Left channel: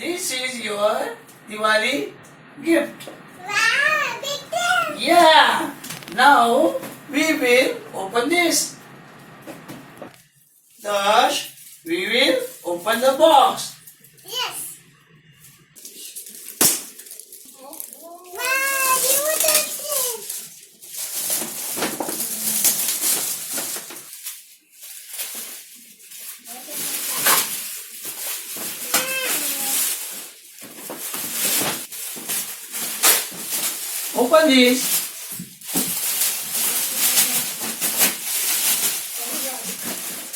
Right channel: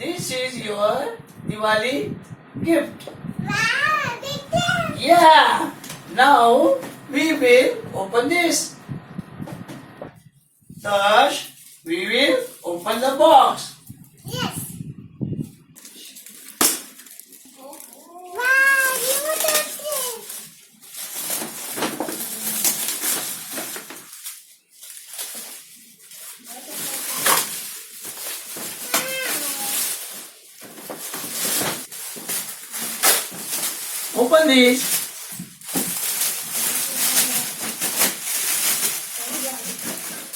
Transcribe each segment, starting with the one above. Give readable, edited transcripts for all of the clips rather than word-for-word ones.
This is your Diwali gift. Wow, big thing. Yeah. Now we will open this. Thus, we will open the box. Yes. Wow, beautiful. Open this.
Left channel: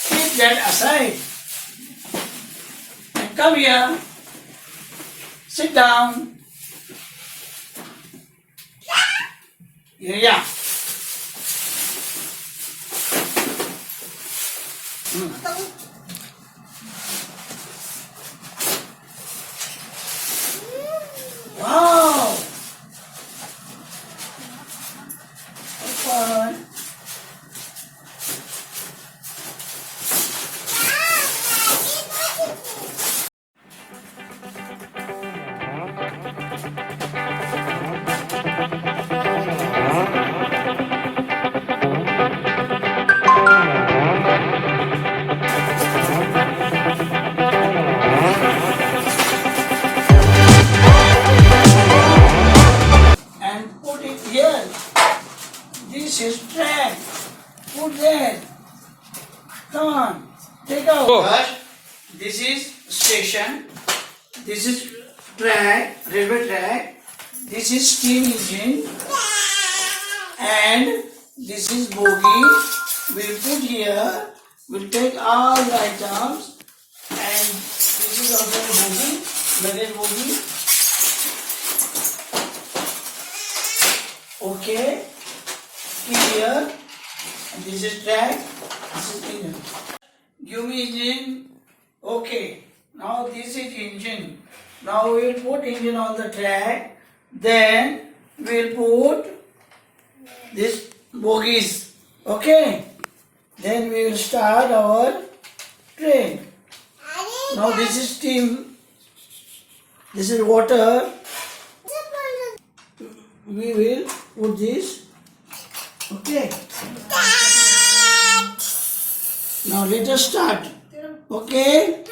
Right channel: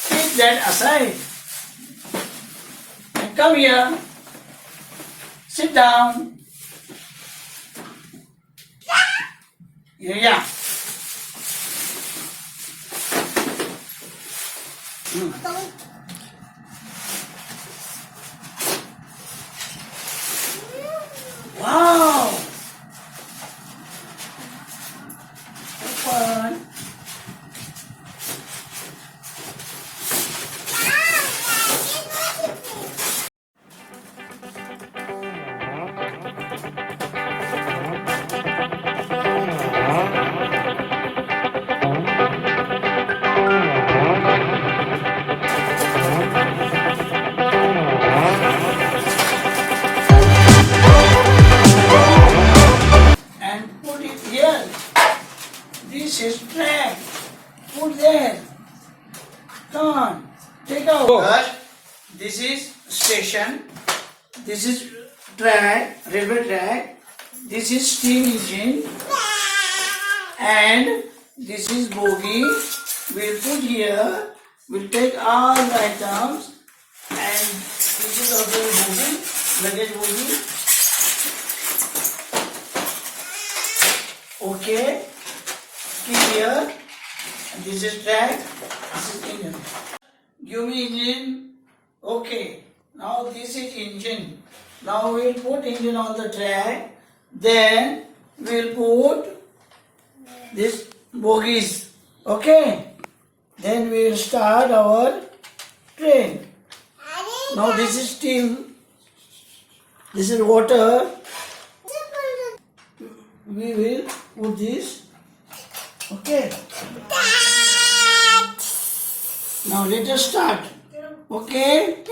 Keep that aside. And come here. Sit down. Yeah. Wow. Open. And put it here. This is track. Put there. Come on. Take out. First, this is station. This is track, railway track. This is steam engine. And this is bogie. We'll put here. We'll take all the items. And this is also bogie, luggage bogie. Okay. Keep here. And this is track. This is engine. Give me engine. Okay. Now this is engine. Now we'll put engine on the track. Then we'll put this bogies. Okay. Then we will start our train. Now this is steam. This is water. We will put this. Okay. Now let us start. Okay.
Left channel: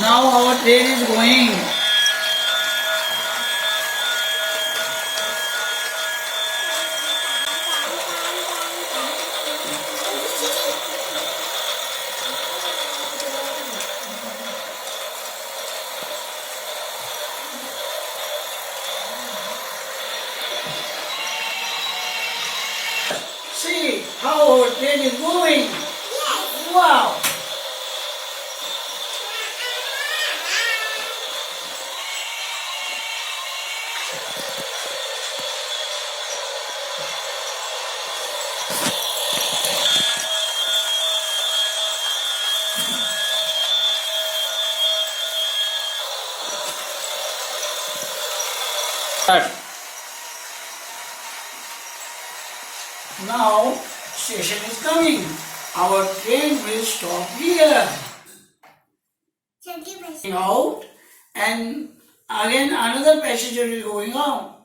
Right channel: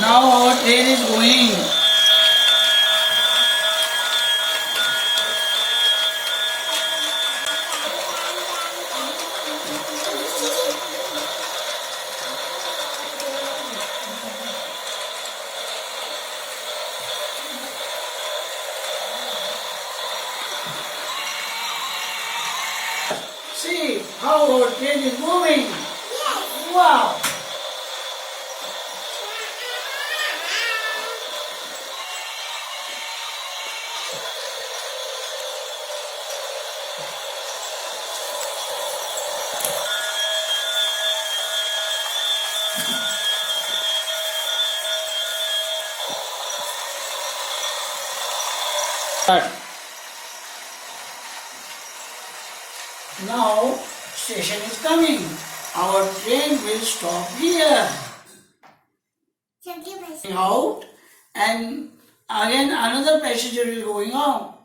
Now our train is going. See how our train is moving. Wow. Start. Now station is coming. Our train will stop here. Out and again another passenger is going out.